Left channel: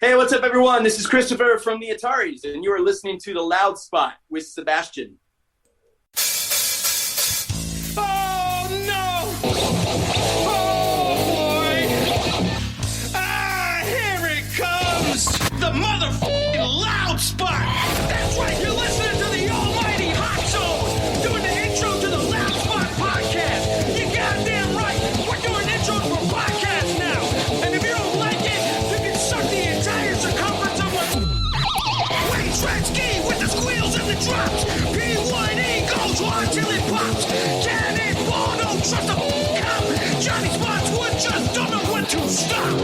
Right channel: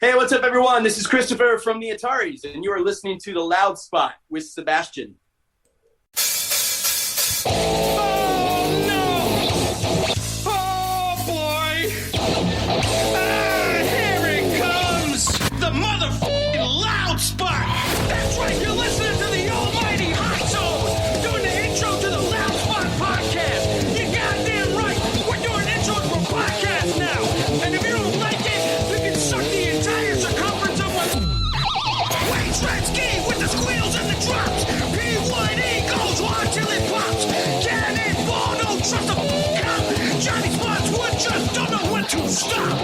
Hey, what's up, everyone? This is Kristopher from the Ataris, and you are listening to The Loud Spot with Sebastian. Oh, no! Oh, boy! Here it comes! The motherfucking Loud Spot! That's right, you're listening to the almighty Hot Zone, doing the intro to the Loud Spot podcast. You're goddamn right! We're doing intros for podcasts now! And if you don't like it, you can suck the entire circumference of my Wayne Gretzky with the squeals and the drops! P1E goes on till it pops! Cannonball, don't trust a cop! Johnny Spotswood just don't know when to stop!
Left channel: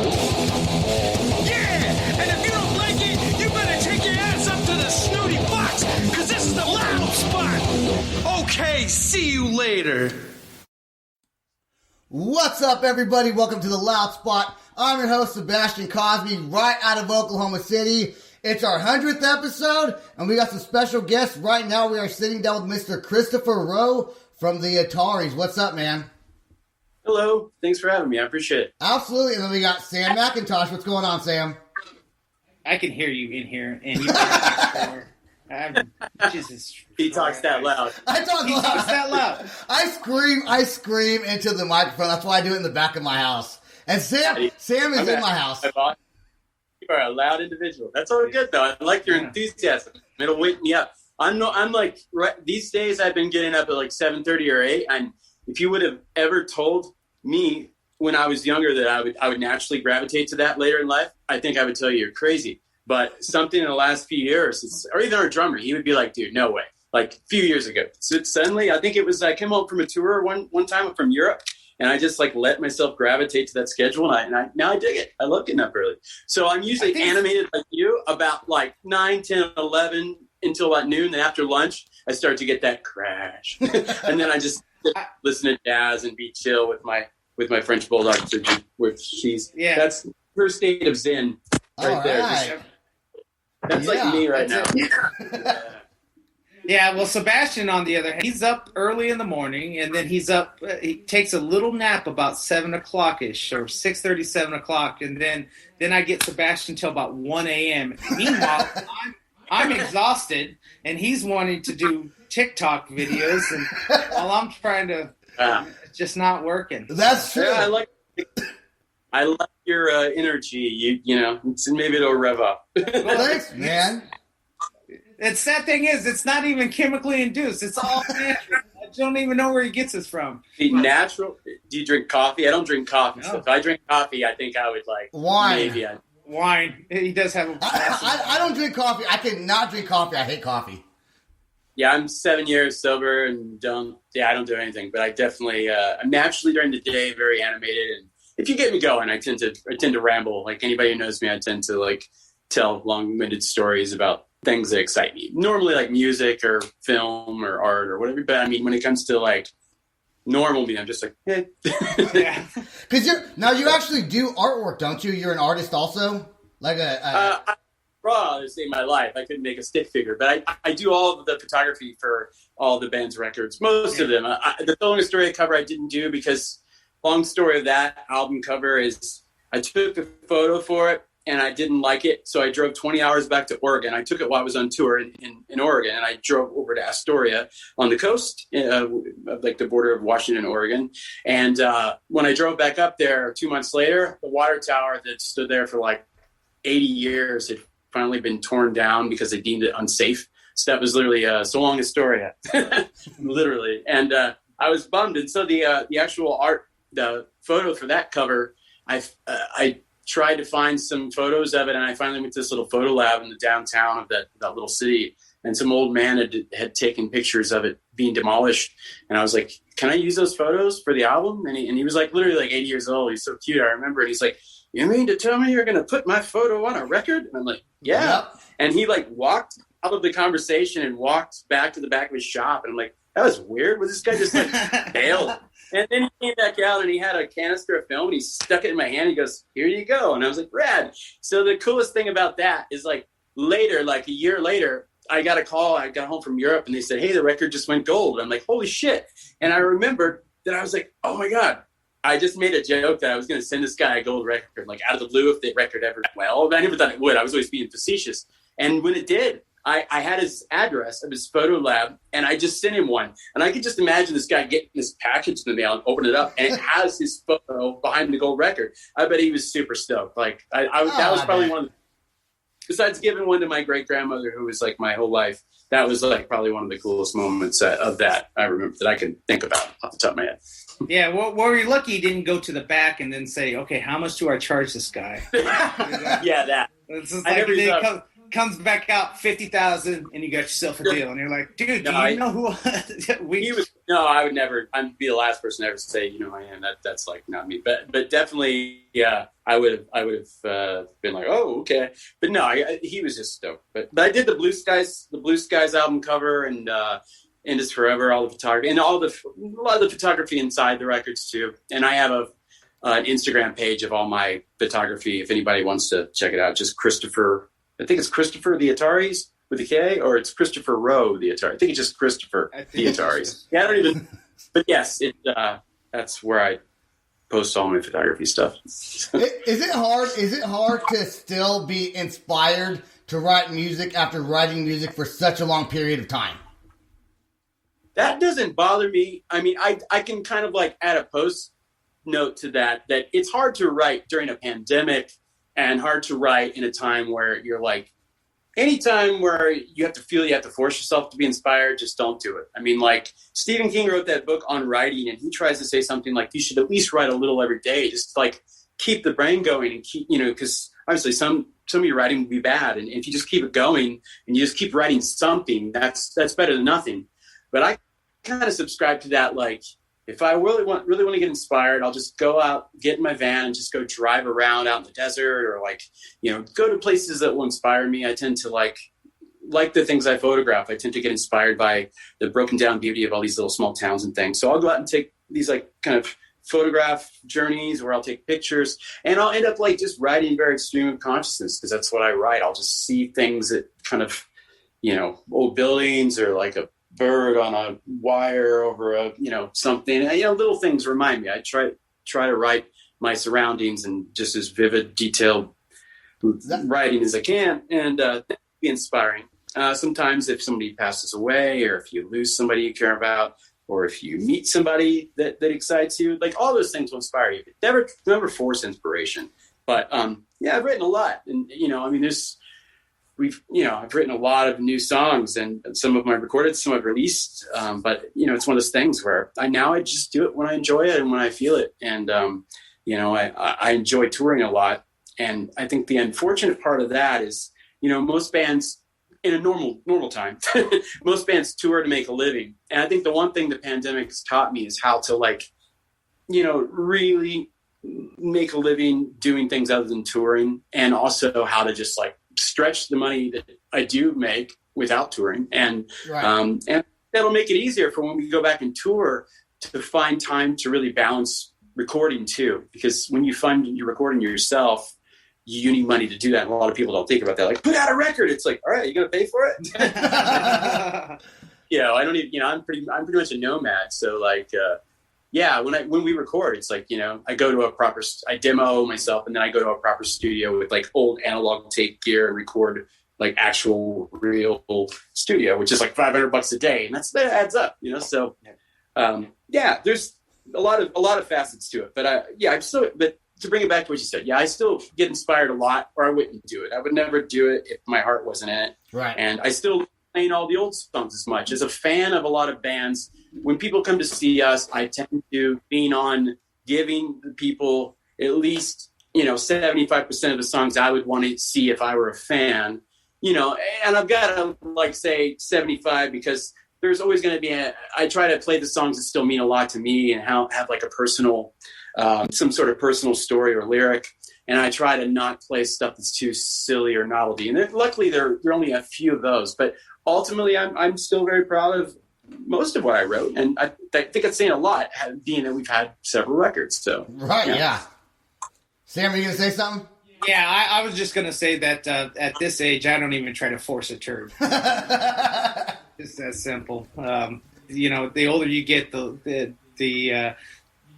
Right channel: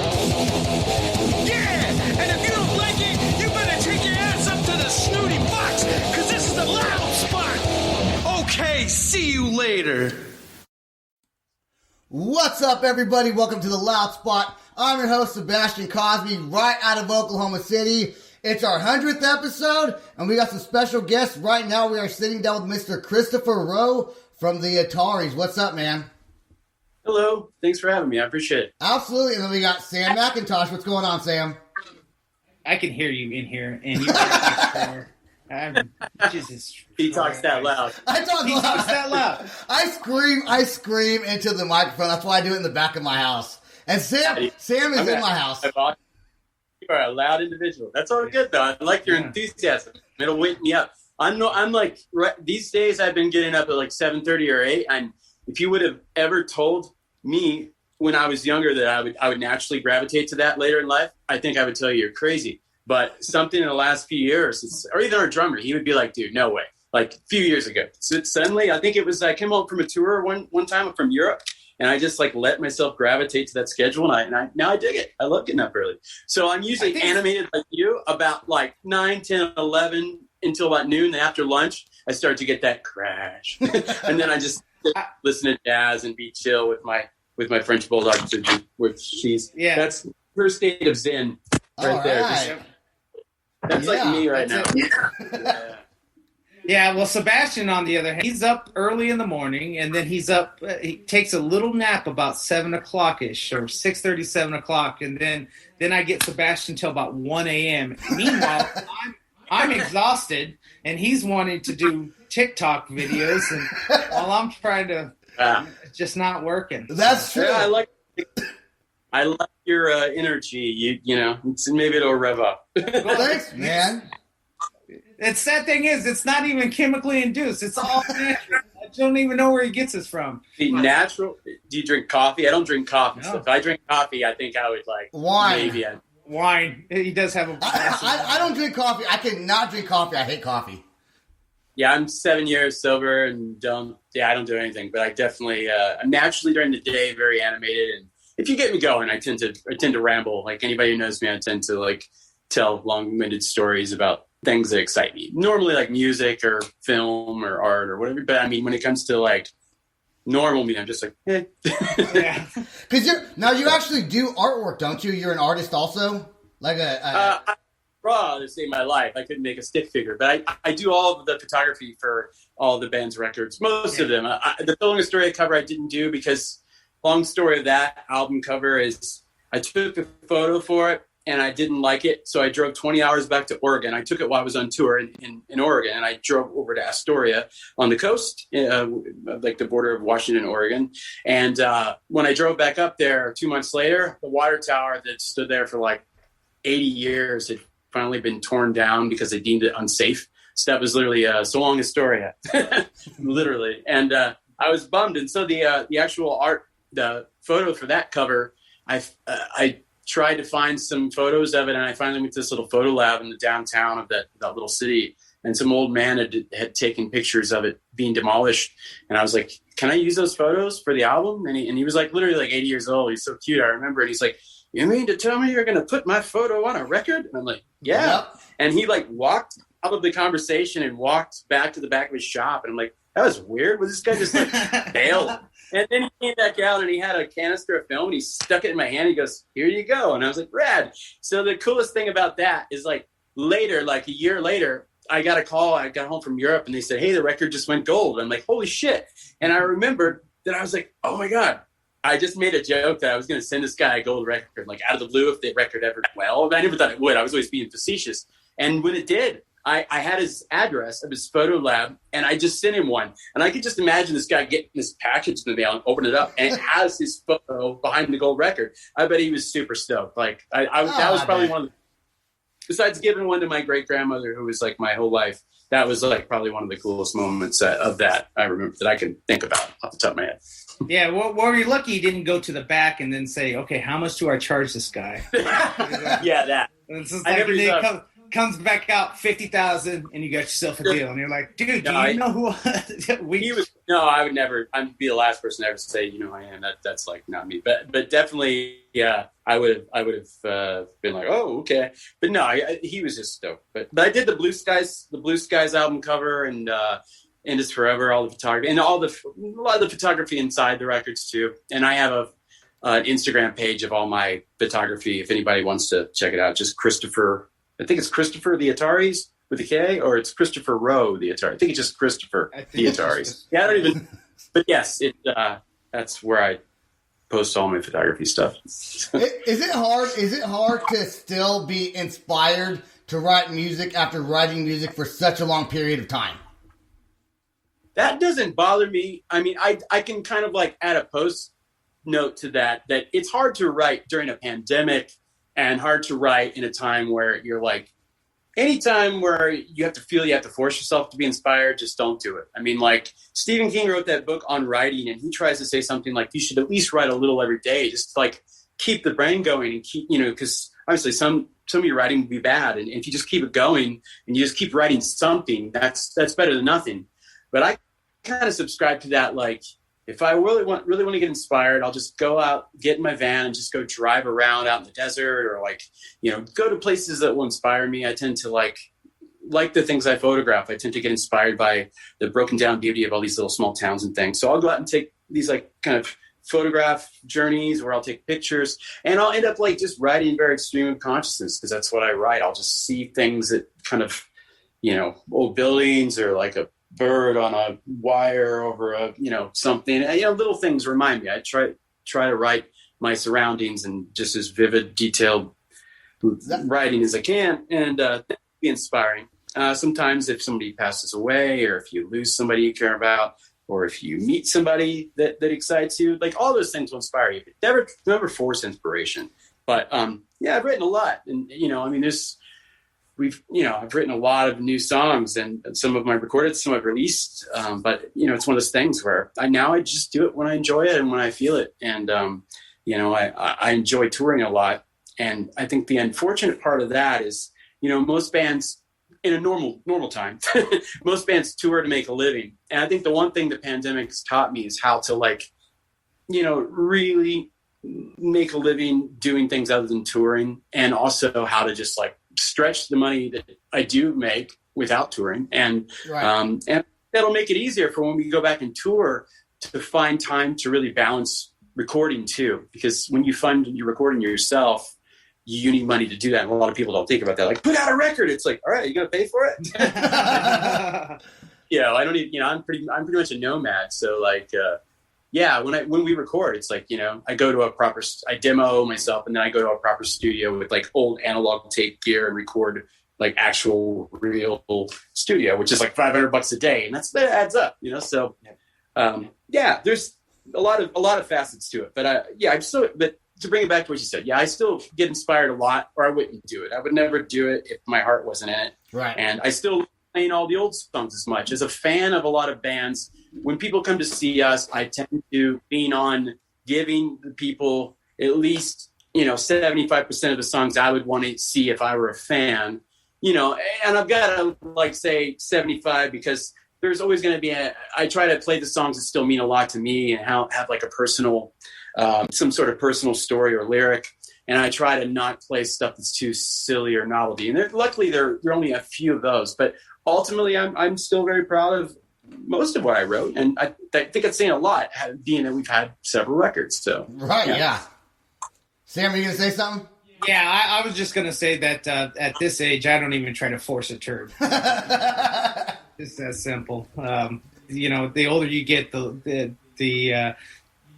Yeah! And if you don't like it, you better take your ass up to the snooty box, cause this is the Loud Spot! Okay, see you later. What's up, everybody? Welcome to the Loud Spot. I'm your host, Sebastian Cosby, right out of Oklahoma City. It's our 100th episode, and we got some special guests. Right now, we are sitting down with Mr. Kristopher Roe from the Ataris. What's up, man? Hello. Thanks for having me. I appreciate it. Absolutely. And then we got Sam McIntosh. What's going on, Sam? I can hear you in here, and Jesus. He talks that loud. I talk He loud. talks that loud. I scream into the microphone. That's why I do it in the back of my house. And Sam is in my house. You are a loud individual. That's all good, though. I like your enthusiasm. It'll wake me up. I'm like, these days I've been getting up at like 7:30 or 8, and if you would have ever told me when I was younger that I would naturally gravitate to that later in life, I think I would tell you you're crazy. But something in the last few years, or even our drummer, he would be like, dude, no way. Like a few years ago. So suddenly, I think it was, I came home from a tour one time from Europe, and I just like let myself gravitate to that schedule, and I now I dig it. I love getting up early. So I'm usually animated like you about like 9, 10, 11 until about noon. Then after lunch, I start to get that crash. And then I just listen to jazz and be chill with my French bulldog, that's her state of zen right there. That's like me right now. Yeah, well, Sebastian, on the other hand, he's up early in the morning, and then he's up. He takes a little nap about 7 o'clock-ish, or 6:30, 7 o'clock, and then I get Sebastian till about 1 a.m. Meanwhile, I'm exhausted, and he's wanting to do TikTok videos, and while I'm trying to, it's just not working. That's true. Yeah, I like your energy. You know, maybe it'll rev up. Well, thanks, man. It's that thing is, it's not even chemically induced. It's all natural. I don't even know where he gets this from. The natural. Do you drink coffee? I don't drink coffee. No. So if I drink coffee, I think I would like wine. Maybe Wine. He does have a. I don't drink coffee. I cannot drink coffee. I hate coffee. Yeah, I'm 7 years sober and I don't do anything. But I definitely, I'm naturally during the day very animated, and if you get me going, I tend to ramble. Like anybody who knows me, I tend to like tell long-winded stories about things that excite me. Normally like music or film or art or whatever. But I mean, when it comes to like normal me, I'm just like, eh. Yeah. Because you actually do artwork, don't you? You're an artist also? Like I draw to save my life. I couldn't make a stick figure, but I do all of the photography for all the band's records. Most of them. The Telling Astoria cover I didn't do because long story of that album cover is I took a photo for it and I didn't like it. So I drove 20 hours back to Oregon. I took it while I was on tour in Oregon, and I drove over to Astoria on the coast, like the border of Washington, Oregon. And when I drove back up there 2 months later, the water tower that stood there for like 80 years had finally been torn down because they deemed it unsafe. So that was literally so long Astoria, literally. And I was bummed. And so the actual art, the photo for that cover, I tried to find some photos of it, and I finally went to this little photo lab in the downtown of that little city, and some old man had taken pictures of it being demolished, and I was like, can I use those photos for the album? And he was like literally like 80 years old. He's so cute. I remember it. He's like, you mean to tell me you're going to put my photo on a record? And I'm like, yeah. Yep. And he like walked out of the conversation and walked back to the back of his shop, and I'm like, that was weird. Was this guy just like bailed? And then he came back out and he had a canister of film and he stuck it in my hand. He goes, here you go. And I was like, rad. So the coolest thing about that is like later, like a year later, I got a call. I got home from Europe and they said, hey, the record just went gold. I'm like, holy shit. And I remembered that I was like, oh my God, I just made a joke that I was going to send this guy a gold record, like out of the blue, if the record ever went well. I never thought it would. I was always being facetious. And when it did, I had his address of his photo lab, and I just sent him one. And I could just imagine this guy getting this package in the mail and open it up, and it has his photo behind the gold record. I bet he was super stoked. Like that was probably one of the, besides giving one to my great grandmother, who was like my whole life. That was like probably one of the coolest moments of that I remember that I can think about off the top of my head. Yeah, well, you're lucky you didn't go to the back and then say, okay, how much do I charge this guy? Yeah, that. It's just like comes back out 50,000 and you got yourself a deal. And you're like, dude, you know who I would never, I'd be the last person to ever say, you know who I am. That's like not me. But definitely, yeah, I would have been like, oh, okay. But no, he was just stoked. But I did the Blue Skies album cover and Is Forever, all the photography and a lot of the photography inside the records too. And I have an Instagram page of all my photography. If anybody wants to check it out, just Kristopher. I think it's Kristopher the Ataris with a K, or it's Kristopher Roe the Atari. I think it's just Kristopher the Ataris. Yeah, I don't even. But yes, that's where I post all my photography stuff. Is it hard? Is it hard to still be inspired to write music after writing music for such a long period of time? That doesn't bother me. I mean, I can kind of like add a post note to that it's hard to write during a pandemic and hard to write in a time where you're like, any time where you have to feel you have to force yourself to be inspired, just don't do it. I mean, like Stephen King wrote that book on writing, and he tries to say something like you should at least write a little every day, just to, like keep the brain going and keep, because obviously some of your writing will be bad. And if you just keep it going and you just keep writing something, that's better than nothing. But I kind of subscribe to that. Like, if I really want to get inspired, I'll just go out, get in my van and just go drive around out in the desert or go to places that will inspire me. I tend to like the things I photograph. I tend to get inspired by the broken down beauty of all these little small towns and things. So I'll go out and take these like kind of photograph journeys where I'll take pictures and I'll end up like just writing very extreme of consciousness because that's what I write. I'll just see things that kind of, old buildings or like a bird on a wire over a something, little things remind me. I try to write my surroundings and just as vivid, detailed writing as I can, and be inspiring. Sometimes if somebody passes away or if you lose somebody you care about or if you meet somebody that excites you, like all those things will inspire you. But never force inspiration. But I've written a lot, and I've written a lot of new songs, and some of them I've recorded, some I've released. But it's one of those things where I just do it when I enjoy it and when I feel it. And I enjoy touring a lot. And I think the unfortunate part of that is, most bands in a normal time, most bands tour to make a living. And I think the one thing the pandemic has taught me is how to really make a living doing things other than touring, and also how to just stretch the money that I do make without touring. And and that'll make it easier for when we go back and tour to find time to really balance recording too. Because when you find you're recording yourself, you need money to do that. And a lot of people don't think about that. Like, put out a record. It's like, all right, you going to pay for it? I don't even, I'm pretty much a nomad. So when we record, it's like, I go to I demo myself and then I go to a proper studio with like old analog tape gear and record like actual real studio, which is like $500 a day. And that adds up, So, there's a lot of facets to it, but but to bring it back to what you said, I still get inspired a lot, or I wouldn't do it. I would never do it if my heart wasn't in it. Right. And I still playing all the old songs as much. As a fan of a lot of bands, when people come to see us, I tend to lean on giving the people at least, 75% of the songs I would want to see if I were a fan, and I've got to say 75 because there's always going to be I try to play the songs that still mean a lot to me and have like a personal, some sort of personal story or lyric. And I try to not play stuff that's too silly or novelty. And luckily there are only a few of those, but ultimately I'm still very proud of most of what I wrote. And I think it's saying a lot, being that we've had several records. So right. Yeah. Sam, are you going to say something? Yeah, I was just going to say that at this age, I don't even try to force a turn. It's that simple. The older you get, the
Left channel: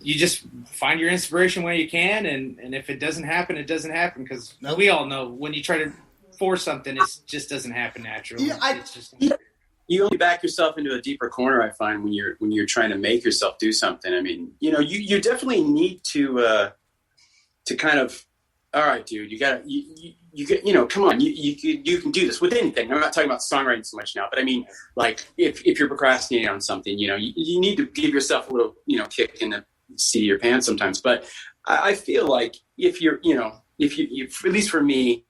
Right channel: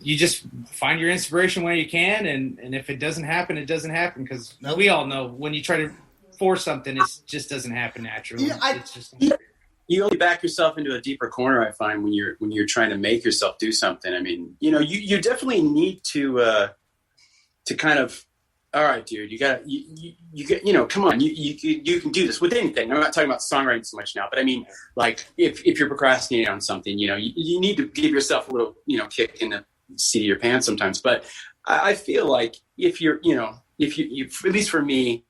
you just find your inspiration when you can, and if it doesn't happen, it doesn't happen, because we all know when you try to force something, it just doesn't happen naturally. You only back yourself into a deeper corner, I find, when you're trying to make yourself do something. I mean, you definitely need to kind of, all right, dude, you get, come on, you can do this with anything. I'm not talking about songwriting so much now, but I mean, like, if you're procrastinating on something, you need to give yourself a little, kick in the seat of your pants sometimes. But I feel like if you're, if you, at least for me,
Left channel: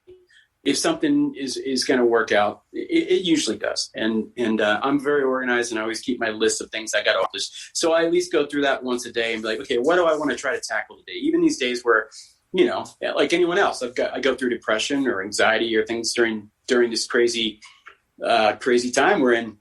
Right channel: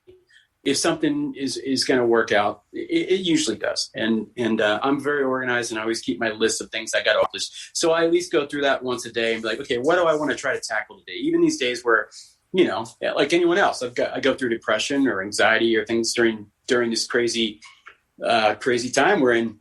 if something is going to work out, it usually does. And I'm very organized, and I always keep my list of things I got to accomplish. So I at least go through that once a day and be like, okay, what do I want to try to tackle today? Even these days where, like anyone else, I go through depression or anxiety or things during this crazy time we're in.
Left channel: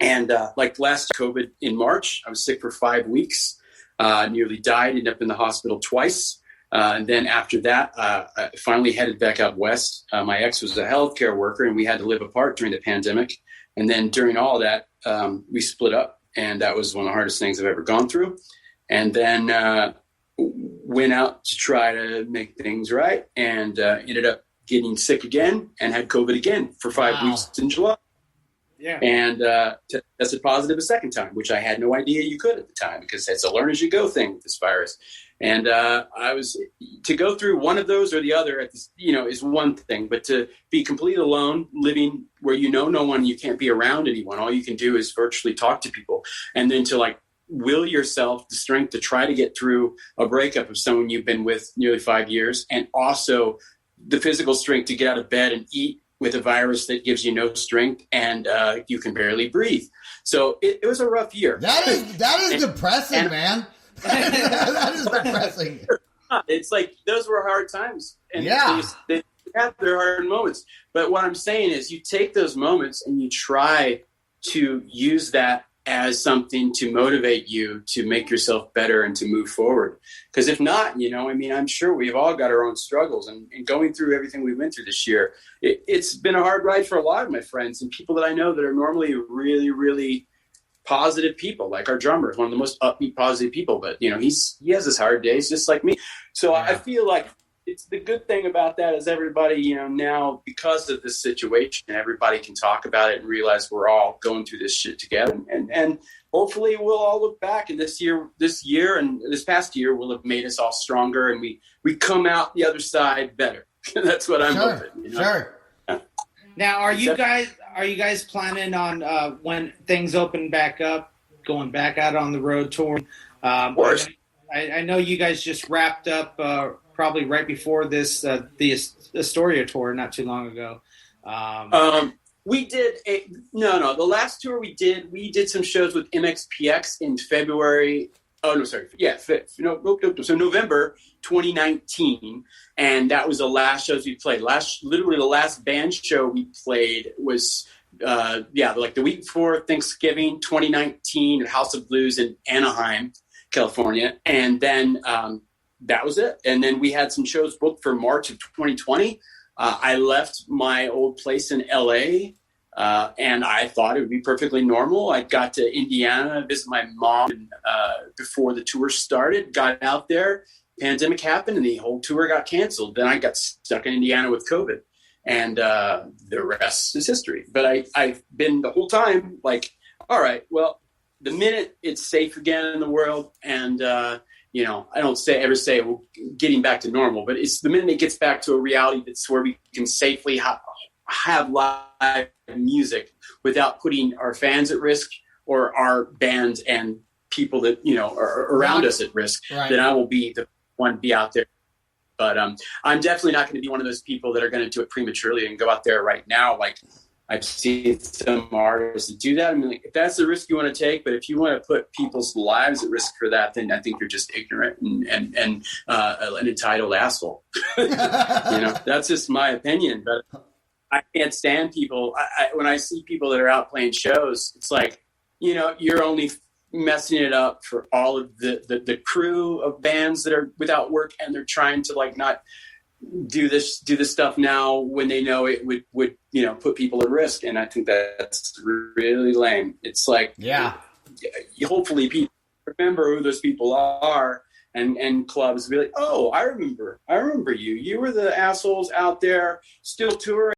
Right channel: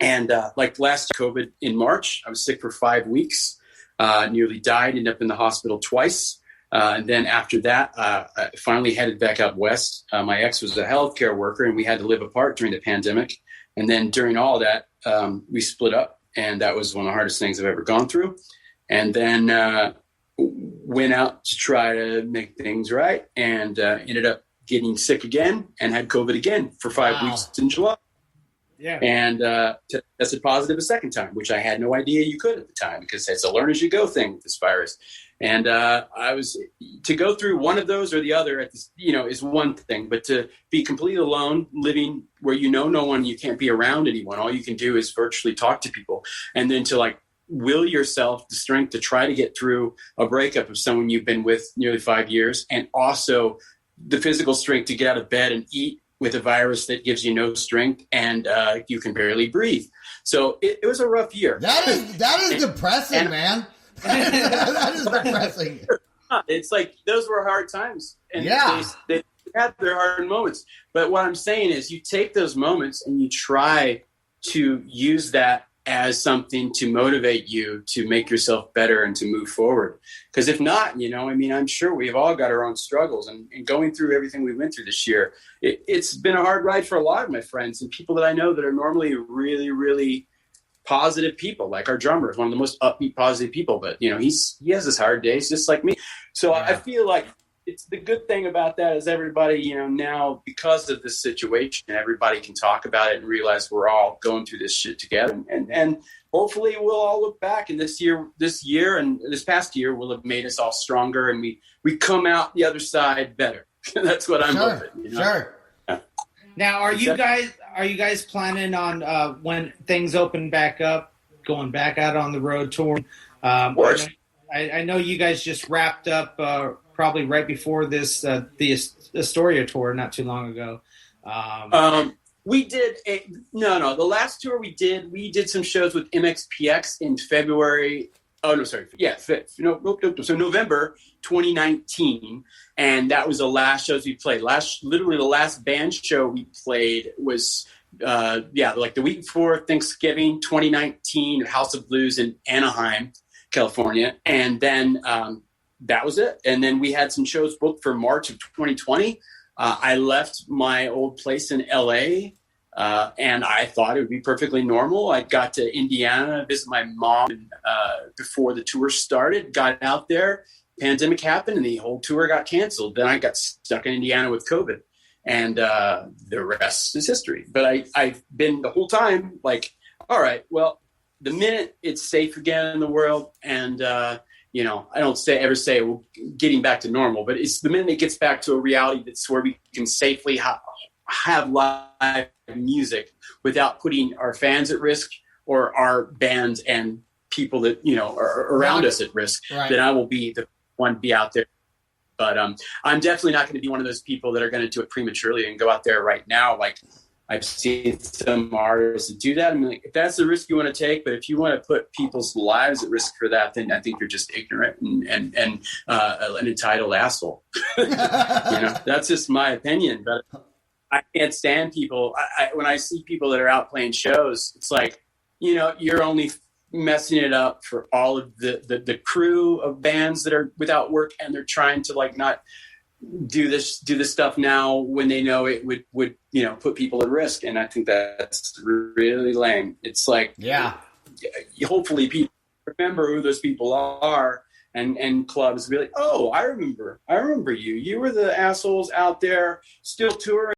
And like last COVID in March, I was sick for 5 weeks, nearly died, ended up in the hospital twice. And then after that, I finally headed back out west. My ex was a healthcare worker, and we had to live apart during the pandemic. And then during all that, we split up, and that was one of the hardest things I've ever gone through. And then went out to try to make things right, and ended up getting sick again and had COVID again for 5 weeks in July. Yeah. And tested positive a second time, which I had no idea you could at the time, because it's a learn as you go thing with this virus. And I was to go through one of those or the other at this, is one thing, but to be completely alone, living where no one, you can't be around anyone. All you can do is virtually talk to people, and then to like will yourself the strength to try to get through a breakup of someone you've been with nearly 5 years, and also the physical strength to get out of bed and eat with a virus that gives you no strength, and you can barely breathe. So it was a rough year. That is depressing, man. That is depressing. It's like those were hard times, and they had their hard moments. But what I'm saying is, you take those moments and you try to use that as something to motivate you to make yourself better and to move forward. Because if not, I'm sure we've all got our own struggles, and going through everything we went through this year, it's been a hard ride for a lot of my friends and people that I know that are normally really, really positive people. Like our drummer is one of the most upbeat, positive people, but he has his hard days just like me. So I feel like it's the good thing about that is everybody, now because of this situation, everybody can talk about it and realize we're all going through this shit together. And hopefully we'll all look back, and this year and this past year will have made us all stronger, and we come out the other side better. That's what I'm hoping. Sure. Now, are you guys planning on when things open back up, going back out on the road tour? Of course. I know you guys just wrapped up probably right before this the Astoria tour not too long ago. We did the last tour we did some shows with MXPX in February. Oh no, sorry. Yeah, so November 2019, and that was the last shows we played. Literally the last band show we played was like the week before Thanksgiving 2019 at House of Blues in Anaheim, California, and then that was it. And then we had some shows booked for March of 2020. I left my old place in LA, and I thought it would be perfectly normal. I got to Indiana, visit my mom before the tour started, got out there, pandemic happened, and the whole tour got canceled. Then I got stuck in Indiana with COVID, and the rest is history. But I've been the whole time like, all right, well, the minute it's safe again in the world, and I don't ever say we're getting back to normal, but it's the minute it gets back to a reality that's where we can safely have live music without putting our fans at risk or our band and people that are around us at risk. Right. Then I will be the one to be out there. But I'm definitely not going to be one of those people that are going to do it prematurely and go out there right now. Like I've seen some artists that do that. I mean, like, if that's the risk you want to take, but if you want to put people's lives at risk for that, then I think you're just ignorant and an entitled asshole. That's just my opinion. But I can't stand people. When I see people that are out playing shows, it's like, you're only messing it up for all of the crew of bands that are without work, and they're trying to like not do this stuff now when they know it would put people at risk. And I think that's really lame. It's like, hopefully people remember who those people are, and clubs be like, oh, I remember you. You were the assholes out there still touring